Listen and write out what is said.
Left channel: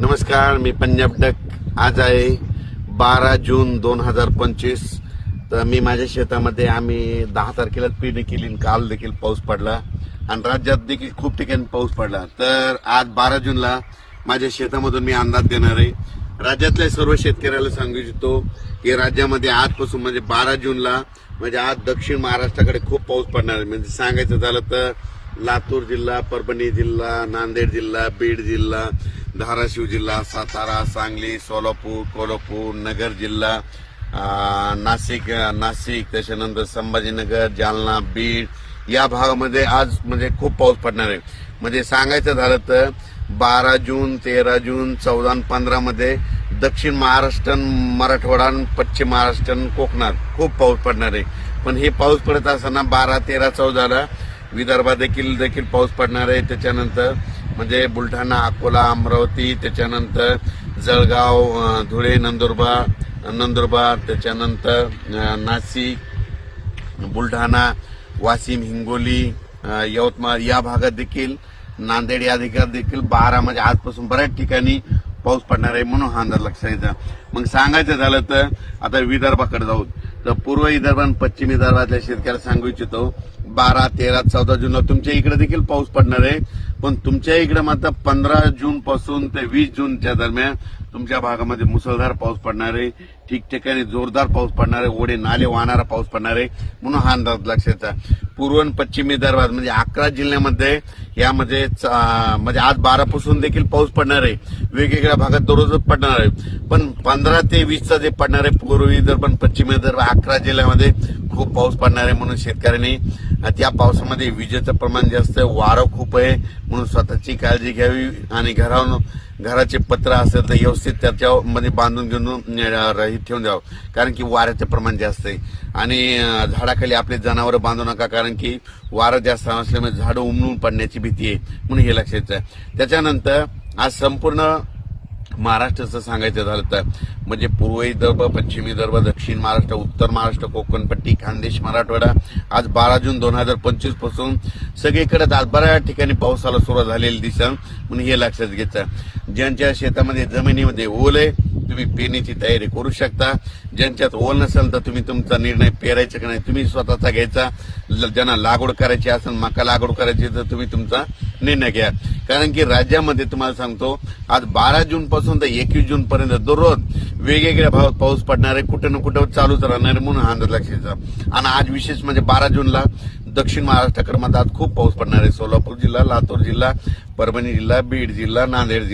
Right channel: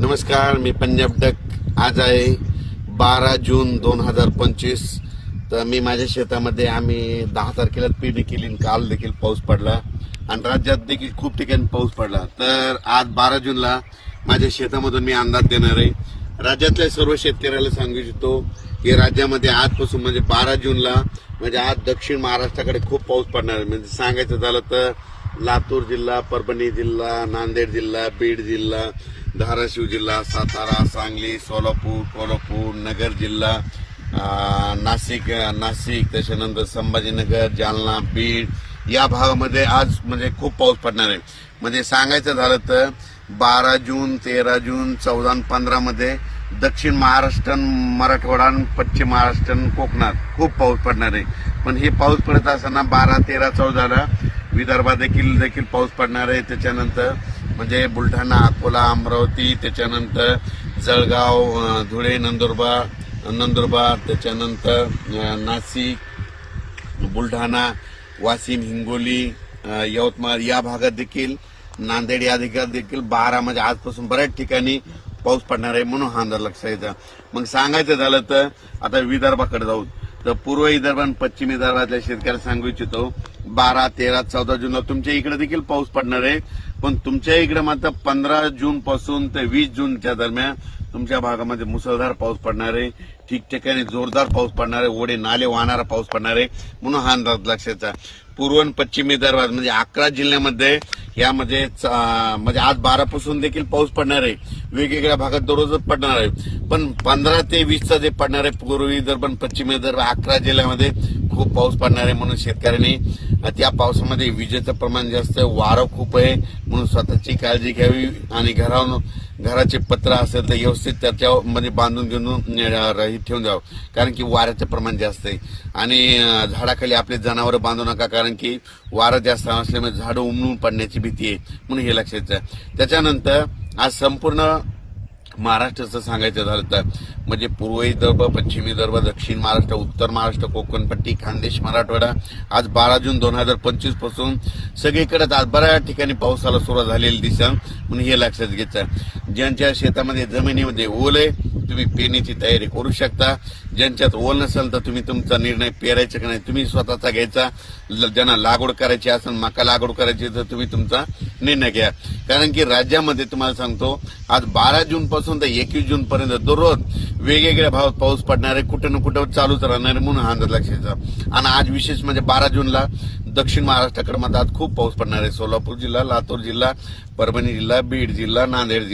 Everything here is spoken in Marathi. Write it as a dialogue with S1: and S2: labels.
S1: नमस्कार मी पंजाब डक आज आहे बारा जून दोन हजार पंचवीस तर मी माझ्या शेतामध्ये आम्ही दहा तारखेला पेरणी केली काल देखील पाऊस पडला आणि राज्यात देखील खूप ठिकाणी पाऊस पडला तर आज बारा जूनला माझ्या शेतामधून मी अंदाज देणार आहे राज्यातल्या सर्व शेतकऱ्याला सांगू इच्छितो की राज्यामध्ये आजपासून म्हणजे बारा जूनला म्हणजे आज दक्षिण महाराष्ट्राकडे खूप पाऊस पडणार आहे म्हणजे सांगायचं झालं तर लातूर जिल्हा परभणी जिल्हा नांदेड जिल्हा बीड जिल्हा धाराशिव जिल्हा सातारा सांगली सोलापूर कोल्हापूर नगर जिल्हा नाशिक नाशिक त्याच्यानंतर संभाजीनगर जालना बीड या भागामध्ये आज म्हणजे खूप पाऊस पडणार आहे म्हणजे सांगायचं झालं तर बारा जून तेरा जून चौदा पंधरा मध्ये दक्षिण महाराष्ट्र मराठवाडा पश्चिम महाराष्ट्र कोकणात खूप पाऊस पडणार आहे पण हे पाऊस पडत असताना बारा तेरा चौदाला विदर्भात देखील देखील पाऊस पडणार आहे त्याच्यानंतर म्हणजे बुलढाणा अकोला अमरावती त्याच्यानंतर जळगाव धुळे नंदुरबार नंदुरबार त्याच्यानंतर नाशिक बुलढाणा वाशिम हिंगोली यवतमाळ या भागात देखील नांदेड या भागात देखील बारा म्हणजे आजपासून बऱ्याच ठिकाणी पाऊस पडणार आहे म्हणून हा अंदाज लक्षात येतात मग सांगायचं झालं तर आता विदर्भाकडे जाऊ तर पूर्व विदर्भ आणि पश्चिम विदर्भातल्या शेतकऱ्याला सांगू इच्छितो बारा तेरा चौदा जूनला तुमच्या इकडे देखील पाऊस पडणार आहे पण तुमच्या इकडे मात्र पंधरा जून पासून ते वीस जूनच्या दरम्यान तुमच्या भागामध्ये मुसळधार पाऊस पडणार आहे ठिकठिकाणी जोरदार पाऊस पडणार आहे ओढे नाले वाहणारा पाऊस पडणार आहे म्हणून हा अंदाज लक्षाचा पूर्व आणि पश्चिम विदर्भात म्हणजे अकरा जिल्ह्यामध्ये यामध्ये म्हणजे आज बारापासून देखील पाऊस पडणार आहे वेगवेगळ्या भागात दररोज पडणार आहे पण पंधरा ते वीसचा जे पडणार आहे पूर्व विदर्भ पश्चिम विदर्भ अकरा जिल्ह्यामध्ये खूप पाऊस पडणार आहे म्हणून शेतकऱ्यांनी त्या पावसामध्ये विजेचं प्रमाण जास्त आहे वारं खूप आहे म्हणून स्वतःची काळजी घ्यावी आणि घरावर घराचे पत्र असेल तर व्यवस्थित त्याच्यामध्ये बांधून घेऊन ठेवून द्यावं कारण की वाऱ्याचं प्रमाण जास्त आहे आणि झाडाखाली आपले जनावरं बांधू नका कारण की वारं जास्त असल्यामुळे झाडं उमलून पडण्याची भीती आहे म्हणून हे लक्षात त्याच्यानंतर आज संपूर्ण महाराष्ट्राचं सांगायचं झालं तर म्हणजे पूर्वी विदर्भ पश्चिम विदर्भ दक्षिण महाराष्ट्र उत्तर महाराष्ट्र कोकणपट्टी खानदेश मराठवाडा आज बारा जून दोन हजार पंचवीस पासून सगळीकडे आज बऱ्याच ठिकाणी पावसाला सुरुवात झालेली दिसत म्हणून हे लक्षात घ्यायचं ज्यांच्या शेतामध्ये जमिनीमध्ये ओल आहे तुम्ही पेरणीची तयारी करू शकता ज्यांच्यात ओल नसेल तर तुम्ही तुमचा निर्णय पेरायचा की नाही तुम्ही स्वतःचा घ्यायचा ज्यांना लागवड करायची असेल मका लागवड करायची तर तुम्ही तुमचा निर्णय घ्या कारण की राज्यामध्ये तुम्हाला सांगतो आज बारा जून पासून तर एकवीस जून पर्यंत दररोज वेगवेगळ्या भागात पाऊस पडणार आहे कुठे ना कुठे चालूच राहणार आहे म्हणून हा अंदाज लक्षायचा आणि आज विशेष म्हणजे बारा जूनला दक्षिण महाराष्ट्राकडे आज खूप पाऊस पडणार आहे सोलापूर जिल्हा लातूर जिल्हा परभणी जिल्हा बीड जिल्हा नांदेड जिल्हा